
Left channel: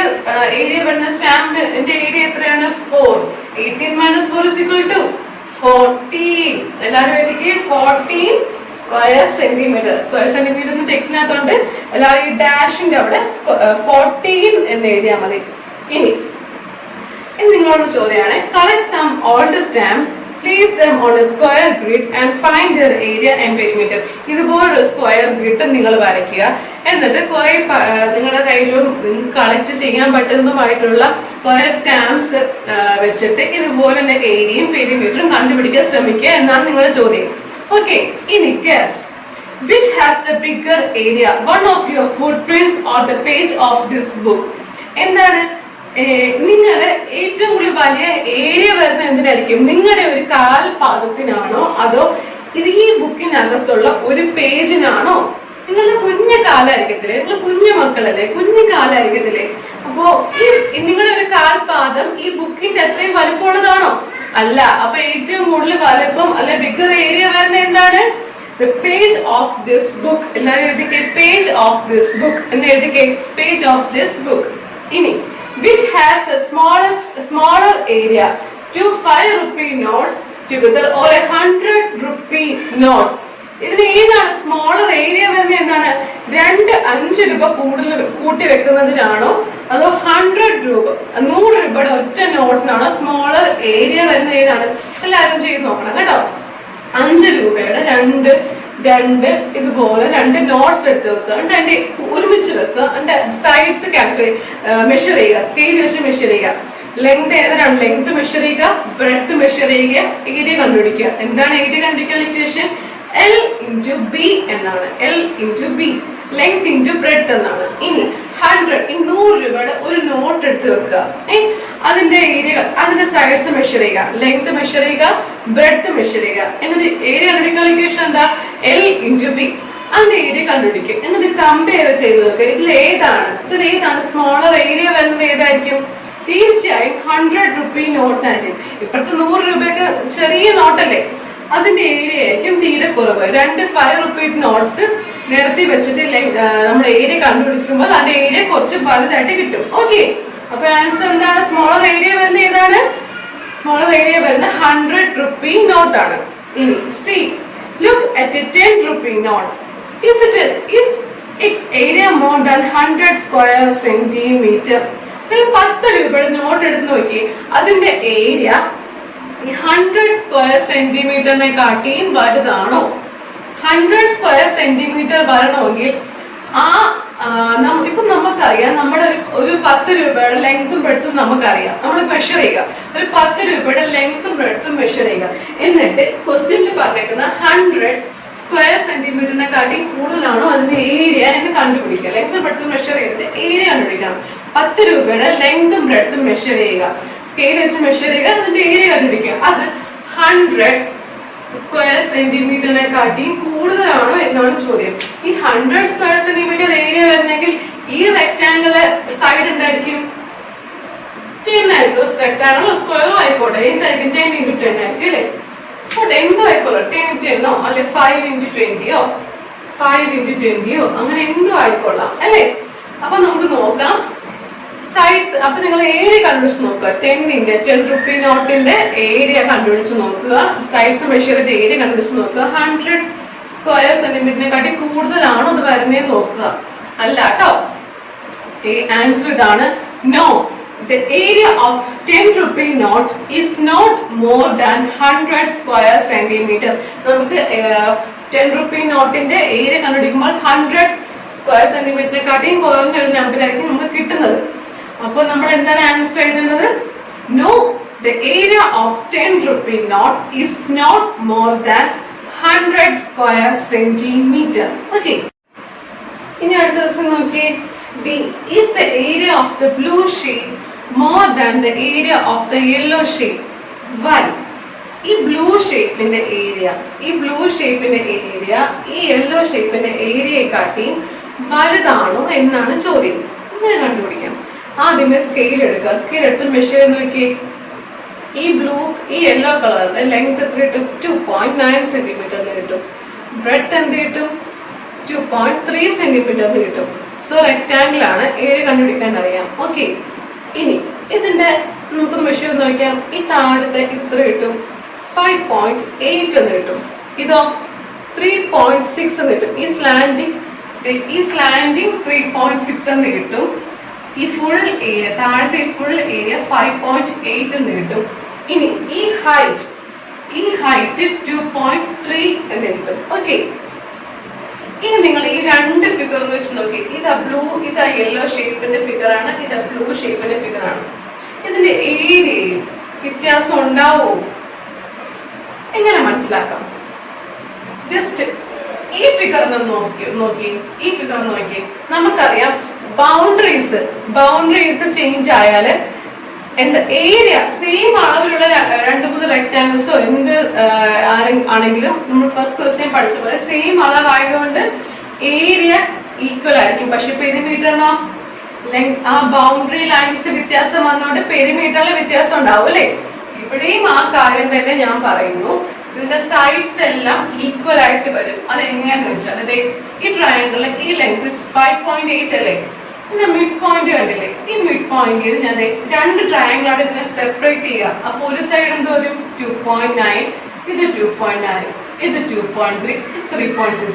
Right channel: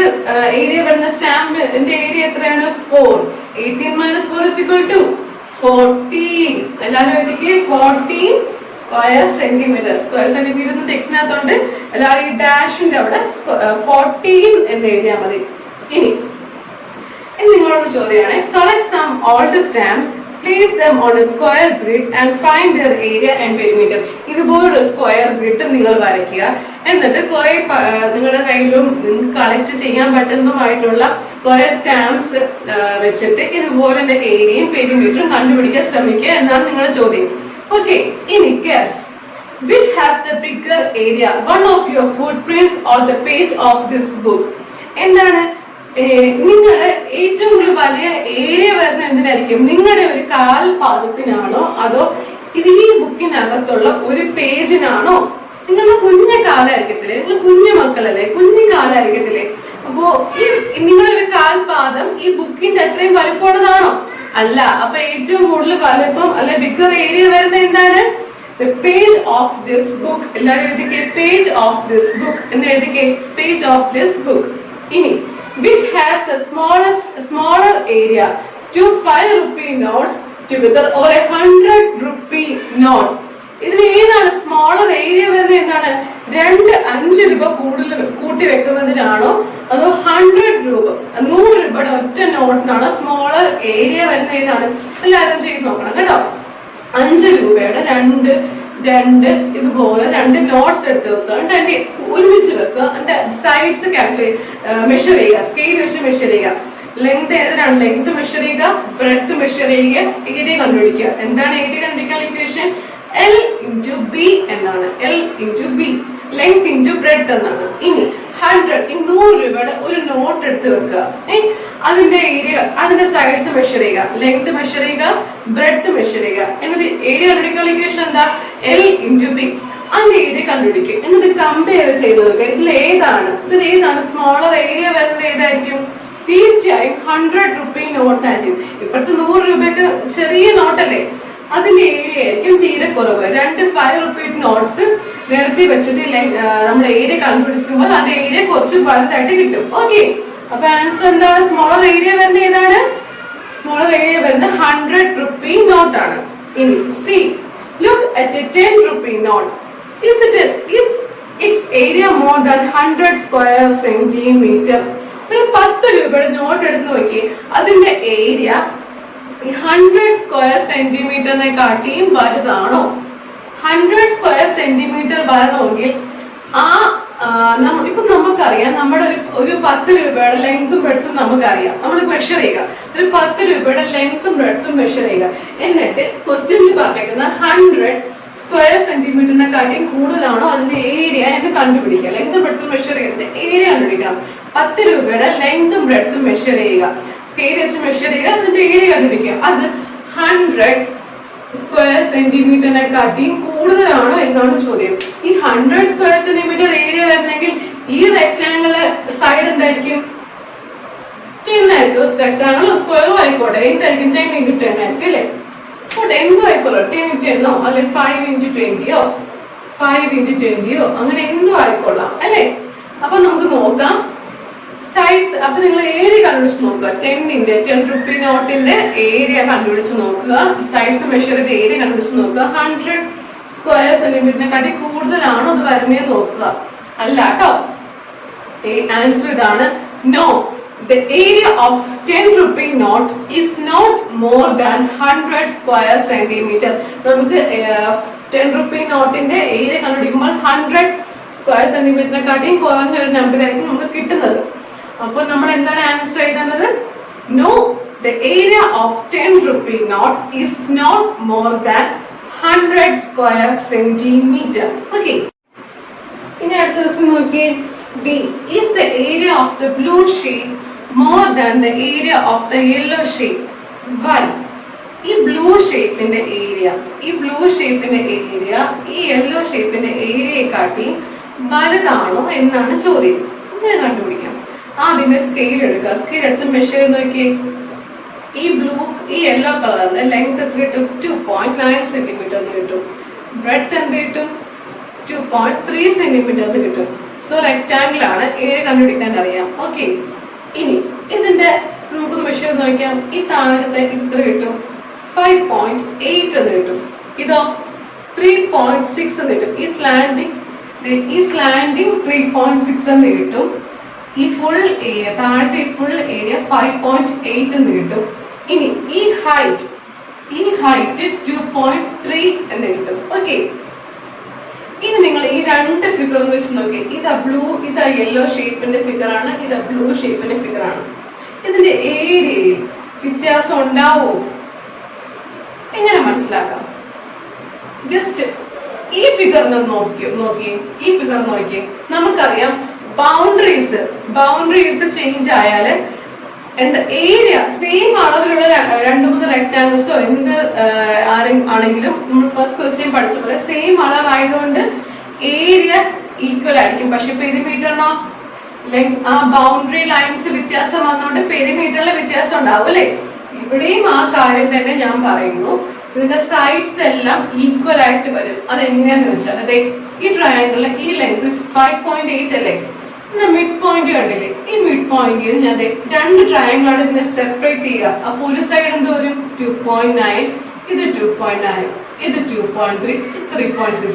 ഏരിയ വരുന്ന സ്റ്റാമ്പിന്റെ ഏരിയ എത്രയാണ്? 4. 18 - 4 = 14. എല്ലാവരും എഴുതിക്കേ 14 സ്ക്വയർ സെന്റിമീറ്റർ. സ്ക്വയർ സെന്റിമീറ്റർ ടെക്സ്റ്റിനകത്തുണ്ട്. എല്ലാവരും ഈ ഡാഷിന്റെ അവിടെ 14 എന്ന് എഴുതിയാൽ മതി. ഇനി നിങ്ങളോട് ചോദ്യമാണ്, collect some old stamps, place them on a square grid and find their area and perimeter. ഇതുപോലൊരു സ്ക്വയർ ഗ്രിഡ് നിങ്ങൾ വരയ്ക്കുക. എന്നിട്ട് കുറെ നിങ്ങളുടെ കയ്യിലും കളക്ട് ചെയ്യാൻ പറ്റുന്നതുമായിട്ടുള്ള കുറെ സ്റ്റാമ്പ്സ് വെച്ചിട്ട് ഇതുപോലെ ഏരിയയും പെരിമീറ്ററും കണ്ടുപിടിക്കാൻ ശ്രമിക്കുക എന്നാണ് നിങ്ങളുടെ ചോദ്യം. ഓക്കെ, ഇനി guess which has the bigger area, one of your footprints or the page of this book. എന്താണ്? നിങ്ങള് ഏറ്റവും കൂടുതൽ വലിയ ഏരിയ വരുന്ന എന്തിനായിരിക്കും? നിങ്ങളുടെ ഒരു കാൽപാദത്തിനാണോ അതോ ഇത് ഈ ബുക്കിനകത്തുള്ള ഒരു പേജിനാണോ? നിങ്ങളുടെ കുഞ്ഞു കാലായിരിക്കത്തില്ലേ? നിങ്ങൾ കുഞ്ഞു മക്കളല്ലേ? കുഞ്ഞു കാലായിരിക്കത്തില്ലേ? അപ്പോ ഈ നിങ്ങളുടെ ഒരു കാൽപാദം ഈ ബുക്കിന്റെ അത്രയും വലിപ്പമുള്ളതാണോ? അല്ല. അപ്പൊ ഏറ്റവും കൂടുതൽ വലിപ്പം അല്ലെ ബിഗർ ഏരിയ വരുന്ന എന്താണ്? The page of this book. എല്ലാവരും എഴുതിക്കേ page of this book എന്ന് എഴുതിക്കേ page of this book. ഇനി which has the smaller area, 2 5-rupee notes together or a 100-rupee note. ഇതിന് ഏതാണ് സ്മോളർ ഏരിയ വരുന്നത്? എന്താണ്? 2 5 രൂപ കൂടുതൽ കൂട്ടി വെക്കുന്നതിനാണോ അതോ 100 രൂപ 100 രൂപയുടെ ഒറ്റ നോട്ടിനാണോ സ്മോളർ ഏരിയ വരുന്നത്? ഏതാണ്? എല്ലാവരും ചെയ്ത് നോക്കണം കേട്ടോ. 5 രൂപയുടെ രണ്ട് ഇതുപോലെ 2 നോട്ട്സ് എടുത്ത് വെക്കുക. അതിന്റെ ഒരുമിച്ച് വെക്കുക. അതിന്റെ സൈഡ്സ് മെഷർ ചെയ്യുക. സ്കെയിൽ വെച്ച് മെഷർ ചെയ്യുക. ലെങ്ത് ഏതാണ്? ലെങ്ത് മെഷർ ചെയ്യുക, ബ്രെഡ്ത്ത് മെഷർ ചെയ്യുക, ഏരിയ കണ്ടുപിടിക്കുക. എന്താണ് ഏരിയ കണ്ടുപിടിക്കാനുള്ള ഇക്വേഷൻ? L × B എന്നാണ്. L × B, ലെങ്ത് × ബ്രെഡ്ത്ത് എന്നാണ്. ഇനി 100 രൂപയുടെ ഒരു നോട്ട് എടുത്ത് വെക്കുക. അതിന്റെ ഏരിയ, അതിന്റെ സൈഡ്സ് മെഷർ ചെയ്യുക, ലെങ്ത് മെഷർ ചെയ്യുക, ബ്രെഡ്ത്ത് മെഷർ ചെയ്യുക. എന്നിട്ട് ഏരിയ കണ്ടുപിടിക്കാനുള്ള ഇക്വേഷൻ എന്താ? L × B. അതിന്റെ ഏരിയ കണ്ടുപിടിക്കും. എന്നിട്ട് കമ്പയർ ചെയ്ത് നോക്കുക. ഇതിലേതാണ് സ്മോളർ ഏരിയ വരുന്നത്? ഏതായിരിക്കും? തീർച്ചയായും 100-rupee നോട്ടായിരിക്കും. ഇപ്പോഴത്തെ 100 രൂപയൊക്കെ ചെറിയ നോട്ടല്ലേ? അതിന്റെ ഏരിയ ആയിരിക്കും തീരെ കുറവ്. 2 5-rupee നോട്ട്സ് നിരത്തി വെച്ചിട്ട് നമ്മുടെ ഏരിയ കണ്ടുപിടിക്കുമ്പോൾ അതിന്റെ ഏരിയ കുറച്ച് വലുതായിട്ട് കിട്ടും. ഓക്കെ, അപ്പൊ ആൻസർ എന്താണ്? സ്മോളർ ഏരിയ വരുന്നത് ഏതാണ്? സ്മോളർ ഏരിയ വരുന്നത് 100-rupee നോട്ടാണ്. ഇനി C, look at a 10-rupee note. Is its area more than 100 square centimeter? ഒരു 10 രൂപയുടെ നോട്ട് എടുത്ത് നോക്കി, അതിന്റെ ഏരിയ 100 സ്ക്വയർ സെന്റിമീറ്ററിനെ കാട്ടിയും വലുതാണോ? 100 സ്ക്വയർ സെന്റിമീറ്റർ വരണമെങ്കിൽ ഇപ്പൊ നമുക്കറിയാം, നമ്മുടെ ഒരു 10 രൂപയുടെ ലെങ്തും ബ്രെഡ്ത്തും നമുക്കറിയാം. നമ്മൾ മെഷർ ചെയ്യുക. ഒരു 10 രൂപയുടെ ലെങ്തും ബ്രെഡ്ത്തും മെഷർ ചെയ്യുക. എന്നിട്ട് ക്വസ്റ്റ്യനിൽ പറഞ്ഞേക്കുന്ന 100 സ്ക്വയർ സെന്റിമീറ്ററിനെ കാട്ടി കൂടുതലാണോ അതിന്റെ ഏരിയ എന്ന് കണ്ടുപിടിക്കുക. ലെങ്തും ബ്രെഡ്ത്തും മെഷർ ചെയ്തിട്ട് ഏരിയ കണ്ടുപിടിക്കണം. 10 രൂപയുടെ ലെങ്തും ബ്രെഡ്ത്തും മെഷർ ചെയ്യുക, സ്കെയിൽ വെച്ച് മെഷർ ചെയ്യുക, അതിന്റെ ഏരിയ കണ്ടുപിടിക്കുക. അത് 100 സ്ക്വയർ സെന്റിമീറ്ററിനെ കാട്ടി കൂടുതലാണോ എന്നാണ് ചോദ്യം. ഈ 100 സ്ക്വയർ സെന്റിമീറ്റർ ഏരിയ വരുന്നെങ്കിൽ ഈ റെക്ടാംഗിള് സൈഡ് എന്തായിരിക്കും? 10 ആയിരിക്കും. റെക്ടാംഗിൾ സ്ക്വയറും ആയിക്കോട്ടെ, എന്തായിരിക്കും? 10 × 10 ആയിരിക്കും അല്ലെ? എന്തോ ആയിക്കോട്ടെ, 10 × 10 അല്ലെ 5 × 20 5 × 20 അങ്ങനെ എന്തോ ആയിക്കൊള്ളാം അല്ലെ? അപ്പൊ നമുക്ക് നോക്കാം സൈഡ്സ്. അപ്പൊ നിങ്ങൾ ഏരിയ കണ്ടുപിടിച്ച് നോക്കുക. 10-rupee നോട്ടിന്റെ ഏരിയ കണ്ടുപിടിച്ച് നോക്കുക. സൈഡ്സ് മെഷർ ചെയ്ത് ഏരിയ കണ്ടുപിടിച്ച് നോക്കുക. 100 സ്ക്വയർ സെന്റിമീറ്ററിനെ കാട്ടി കൂടുതലാണോ അത് വരുന്നതെന്ന് നോക്കുക. അല്ല കേട്ടോ, ആൻസർ ഇതാണ്. No, the area of 10-rupee note is not more than 100 square centimeter. നമുക്ക് 10-rupee നോട്ടിന്റെ ഏരിയ കണ്ടുപിടിക്കുമ്പോൾ 100 സ്ക്വയർ സെന്റിമീറ്ററിനെ കാട്ടിയും കുറഞ്ഞ ഒരു നമ്പറായിരിക്കും നമുക്ക് കിട്ടുന്നത്. അപ്പൊ നമ്മൾ എന്താണ് ആൻസർ എഴുതേണ്ടത്? No, the area of 10-rupee note is not more than 100 square centimeter. Okay. ഇനി അടുത്ത ദിവസം നോക്കി, D is the area of the blue sheet more than the area of the yellow shape. Why? ഈ blue ഷേപ്പിന്റെ area ഈ yellow ഷേപ്പിന്റെ ഏരിയയെക്കാട്ടിയും വലുതാണോ എന്നാണ് ചോദ്യം. ഇങ്ങനെ കണ്ടുപിടിക്കാം. ആദ്യമേ സ്കെയിൽ എടുക്കുക. സ്കെയിൽ എടുത്ത് മെഷർ ചെയ്ത് നോക്കിയേ. ഈ യെല്ലോ കളറിന്റെ ലെങ്ത് എത്ര കിട്ടും? 2.9 സെന്റിമീറ്റർ എന്ന് കിട്ടും. ബ്രെഡ്ത്ത് എന്ത് കിട്ടും? 2.3 സെന്റിമീറ്റർ എന്ന് കിട്ടും. സോ റെക്ടാംഗിൾ ആണ്. ഏരിയ കണ്ടുപിടിക്കാൻ അറിയാം. ഓക്കെ, ഇനി ഇതിന്റെ നമുക്ക് മെഷർ നോക്കാം. ഈ താഴത്തെ ഇത്ര കിട്ടും 5.8 എന്ന് കിട്ടും. ഇതോ 3.6 എന്ന് കിട്ടും. ഈ സ്ലാൻഡിങ് 3.6 എന്ന് കിട്ടും. ഈ ഫുൾ ഏരിയ താഴത്തെ ഫുൾ ഏരിയ 5.8 എന്ന് കിട്ടും. ഇനി ഈ ഹൈറ്റ് 2.3 എന്ന് കിട്ടും. ഓക്കെ, ഇനി നിങ്ങൾ ഈ രണ്ട് ഫിഗർ വെച്ച് നോക്കി. ഇതാ യെല്ലോ ഷേപ്പിന്റെ ഫിഗർ ആണ്, ഇതാ ബ്ലൂ ഷേപ്പിന്റെ ഫിഗർ ആണ്. ഇതിന്റെ ഏരിയയിൽ വ്യത്യാസം ഉണ്ടാവോ? എങ്ങനെ മനസ്സിലാക്കാം? ജസ്റ്റ് ഈ ഫിഗർ നോക്കി നമുക്കറിയാം ബൗണ്ടറീസ് ചേഞ്ച് ആയാല് എന്താ ഏരിയ സെയിം അളവിലുള്ള 2-3 റെക്ടാങ്കിൾസോ എന്ത് ആണെങ്കിലും നമ്മൾ ഫസ്റ്റ് ക്വസ്റ്റ്യൻ പഠിച്ച പോലെ സെയിം അളവായതുകൊണ്ട് ഏരിയ ഈക്വൽ ആയിരിക്കും. പക്ഷെ പെരിമീറ്ററിനോ ആ ബൗണ്ടറി ലൈൻസ് വ്യത്യാസം വന്നുകൊണ്ട് പെരിമീറ്ററിലെ വ്യത്യാസം ഉണ്ടാവും അല്ലെ? ഇവിടെയും ആ കാര്യം തന്നെ ഞാൻ പറയുന്നു. ഇതിന്റെ സൈഡ്സ് എല്ലാം ഈക്വൽ ആയിട്ട് വരും. അത് എങ്ങനെയാന്ന് വെച്ചാൽ അതെ ഈ ട്രയാങ്കിളിന് ഈ ലെങ്ത് 5.8 അല്ലേ? ഇതിന്റെ മിഡ് പോയിന്റ് കണ്ടില്ലേ? ഈ മിഡ് പോയിന്റ് ഞാൻ രണ്ട് ട്രയാങ്കിൾ ആണ് ഇതിനെ സെപ്പറേറ്റ് ചെയ്യുക. അപ്പൊ ഒരു സൈഡ് എന്ത് വരും? 2.9, ഇത് 2.9, ഇത് 2.3, 3.6.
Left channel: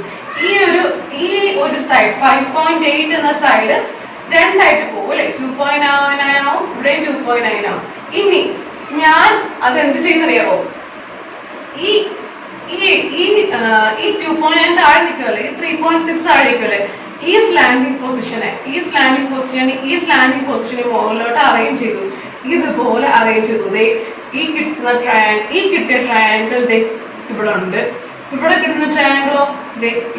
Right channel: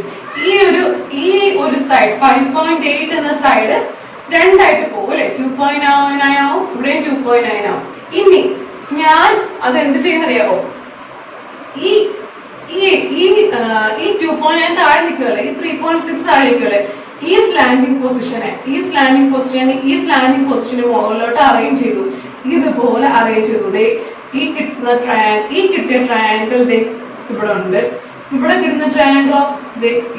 ഈ ഒരു സൈഡ് 5.8 എന്ന സൈഡ് രണ്ടായിട്ട് പോകും അല്ലെ? 2.9 ആവും, ഇവിടെ 2.9 ആവും. ഇനി ഞാൻ അതെന്ത് ചെയ്യുന്നറിയാവോ? ഈ 2.9 താഴെ നിൽക്കുമല്ലേ? ഈ 3.6 താഴെ നിൽക്കുമല്ലേ? ഈ സ്ലാൻഡിങ് പൊസിഷന് മുകളിലോട്ട് അറേഞ്ച് ചെയ്തു. ഇതുപോലെ അറേഞ്ച് ചെയ്തു. ഈ കിട്ടിയ ട്രയാങ്കിൾ ഇവിടെ ഉണ്ട്. ഇവിടെ കിട്ടുന്ന ട്രയാങ്കിളോ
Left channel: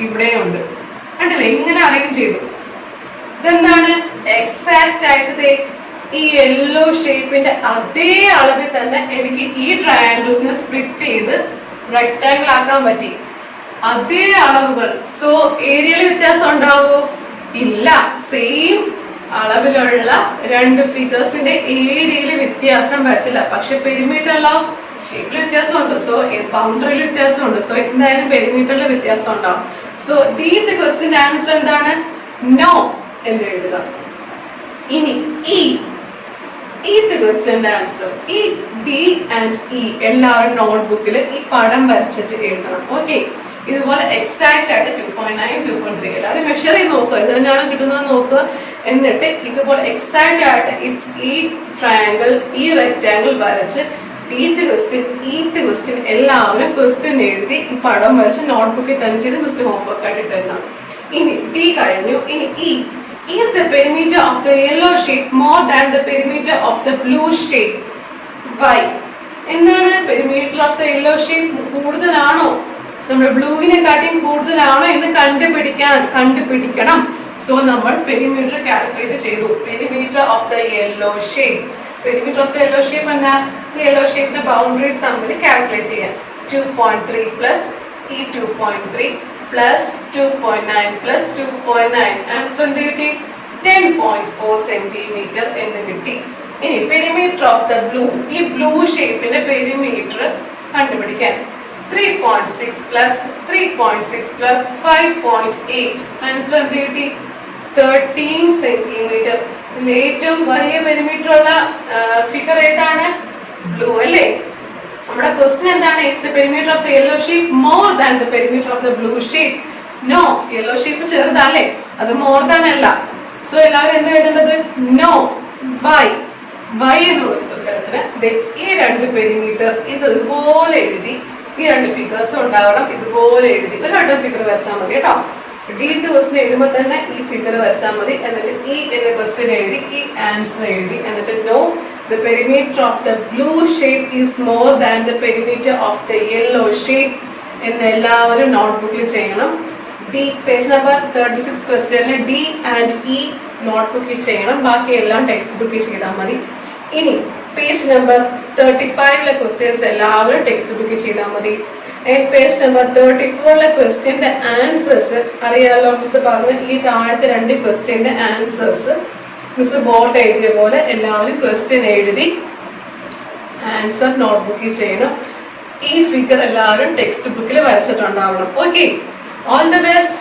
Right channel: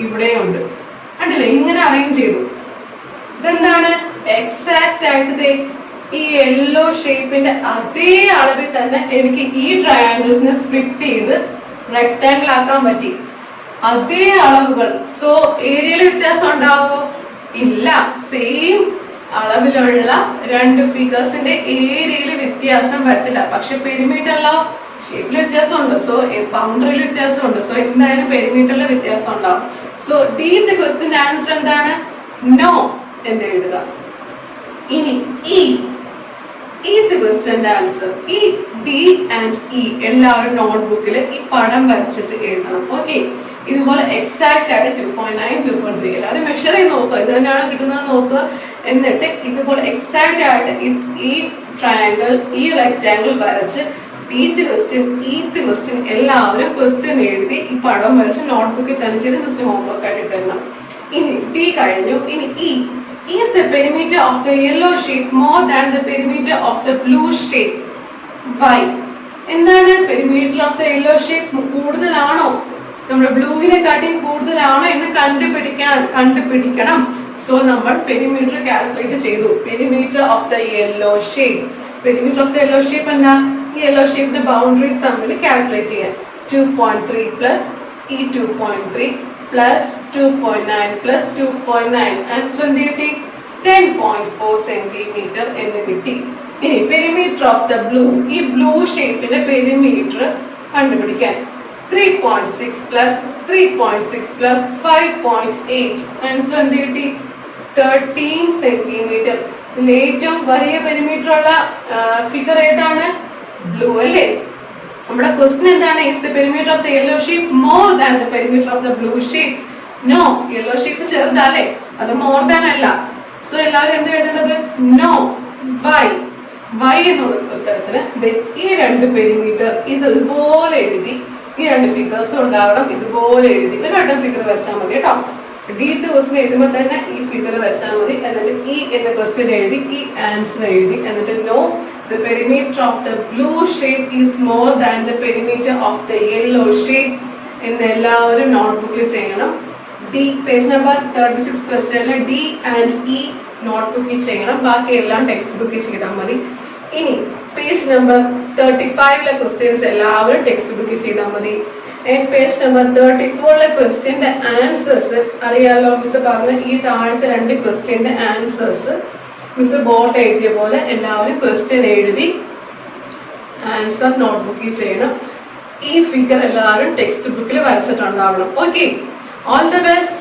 ഇവിടെയുണ്ട്. കണ്ടില്ലേ? ഇങ്ങനെ അറേഞ്ച് ചെയ്തു. ഇതെന്താണ്? എക്സാക്ട് ആയിട്ട് ഈ യെല്ലോ ഷേപ്പിന്റെ അതേ അളവിൽ തന്നെ എനിക്ക് ഈ ട്രയാങ്കിൾസിനെ സ്പ്ലിറ്റ് ചെയ്ത് റെക്ടാങ്കിൾ ആക്കാൻ പറ്റി. അതേ അളവുകൾ. സോ ഏരിയയിൽ വ്യത്യാസം ഉണ്ടാവോ? ഇല്ല. സെയിം അളവിലുള്ള രണ്ട് ഫിഗേഴ്സിന്റെ ഏരിയയിൽ വ്യത്യാസം വരത്തില്ല. പക്ഷെ പെരിമീറ്ററിലോ ഷേപ്പിൽ വ്യത്യാസമുണ്ട്. സോ ബൗണ്ടറിയിൽ വ്യത്യാസമുണ്ട്. സോ എന്തായാലും പെരിമീറ്ററിൽ വ്യത്യാസം ഉണ്ടാവും. സോ ഡീത്തെ ക്വസ്റ്റ്യൻ ആൻസർ എന്താണ്? നോ എന്ന് എഴുതുക. ഇനി ഈത്തെ ക്വസ്റ്റ്യന്റെ ആൻസർ ഈ ഡി ആൻഡ് ഇ എല്ലാവരും നോട്ട്ബുക്കിൽ ഈ പടം വരച്ചിട്ട് എഴുതണം. ഓക്കെ, ഇതുപോലെ എക്സാക്ട് ആയിട്ട് 2.9, 2.3 എല്ലാവരും മെഷർ ചെയ്ത് നോക്കുക. ഇത് തന്നെയാണ് കിട്ടുന്നത് നോക്കുക. എന്നിട്ട് ഇതുപോലെ എക്സാക്ട് ആയിട്ട് ഈ ട്രയാങ്കിൾ ഈ റെക്ടാങ്കിൾ വരച്ച് ഈത്ത് ക്വസ്റ്റ്യൻ എല്ലാവരും ക്വസ്റ്റ്യൻ എഴുതി ഈ പടം വരച്ച് നോട്ട്ബുക്കിൽ തന്നെ ചെയ്ത് മിസ്റ്റർ ഹോംവർക്ക് ആയിട്ട് ഇട്ടുതരണം. ഇനി ഡി കഴിഞ്ഞു. ഇനി E. Is the perimeter of the yellow shape more than the perimeter of the blue shape? Why? എന്താണ് perimeter of the yellow shape കൂടുതലാണോ നമ്മുടെ ബ്ലൂവിനെ കാട്ടിയും കൂടുതലാണോ എന്ന് കണ്ടുപിടിക്കണം. സോ നമ്മൾ പെരിമീറ്റർ കാൽക്കുലേറ്റ് ചെയ്തു. Perimeter of the yellow shape എന്നാ ഈ യെല്ലോ ഷേപ്പിന്റെ ബൗണ്ടറീസ് തമ്മിൽ കാൽക്കുലേറ്റ് ചെയ്യാം. 2.3 പ്ലസ് ഈ 2.3 പ്ലസ് 2.9 പ്ലസ് 2.9 ആൻസർ എന്ത് കിട്ടി? 10.4 സെന്റിമീറ്റർ എന്ന് കിട്ടി. ഇനി പെരിമീറ്റർ ഓഫ് ദ ബ്ലൂ, ഈ ബ്ലൂ ഷേപ്പിന്റെ പെരിമീറ്റർ കണ്ടുപിടിക്കാൻ 3.6 പ്ലസ് 5.8 ആൻസർ എന്ത് കിട്ടി? 13 സെന്റിമീറ്റർ. ഇതിൽ ഏറ്റവും വലിയ പെരിമീറ്റർ ഉള്ള ഫിഗർ ഏതാണ്? ബ്ലൂ അല്ലേ? നമ്മുടെ ക്വസ്റ്റ്യൻ എന്താണ്? Is the perimeter of the yellow shape more than the perimeter of the blue shape? No. Yellow shape ചെറുതല്ലേ, അത് മോർ ദാൻ അല്ല. സോ എല്ലാവരും എന്താ എഴുതേണ്ടത്? നോ. വൈ എന്നുള്ള ഉത്തരത്തിന് ഈ രണ്ട് പെരിമീറ്റർ ഇതുപോലെ എഴുതി. ഈ രണ്ട് ഫിഗേഴ്സ് ഉണ്ടാവണം. ഇതുപോലെ എഴുതി ഒരു വട്ടം ഫിഗർ വരച്ചാൽ മതി കേട്ടോ. ഡീത്ത് ക്വസ്റ്റ്യൻ എഴുതുമ്പോൾ തന്നെ ഈ ഫിഗർ വരച്ചാൽ മതി. എന്നിട്ട് ഈ എന്ന ക്വസ്റ്റ്യൻ എഴുതി ഈ ആൻസർ എഴുതി. എന്നിട്ട് no, the perimeter of the blue shape is more than the perimeter of the yellow shape എന്ന് എല്ലാവരും നോട്ട്ബുക്കിൽ ചെയ്യണം. ഡി പേജ് നമ്പർ 36 ക്വസ്റ്റ്യനിൽ ഡി ആൻഡ് ഇ നോട്ട്ബുക്കിൽ ചെയ്യണം. ബാക്കി എല്ലാം ടെക്സ്റ്റ് ബുക്കിൽ ചെയ്താൽ മതി. ഇനി പേജ് നമ്പർ 35 ക്വസ്റ്റ്യൻസ് എല്ലാവരും ടെക്സ്റ്റ് ബുക്ക് ചെയ്താൽ മതി. പേജ് നമ്പർ 34 ക്വസ്റ്റ്യന്റെ ആൻസേഴ്സ് അറിയാലോ. മിസ് പറഞ്ഞ ഈ താഴത്തെ 2 ക്വസ്റ്റ്യന്റെ ആൻസേഴ്സ് മിസ് ബോർഡ് എഴുതിയ പോലെ എല്ലാവരും ക്വസ്റ്റ്യൻ എഴുതി ആൻസർ നോട്ട്ബുക്കിൽ ചെയ്യണം. ഈ ഫിഗർ എല്ലാവരും ടെക്സ്റ്റ് ബുക്കിൽ വരച്ചിട്ടുണ്ടാവണം. Okay, all the best.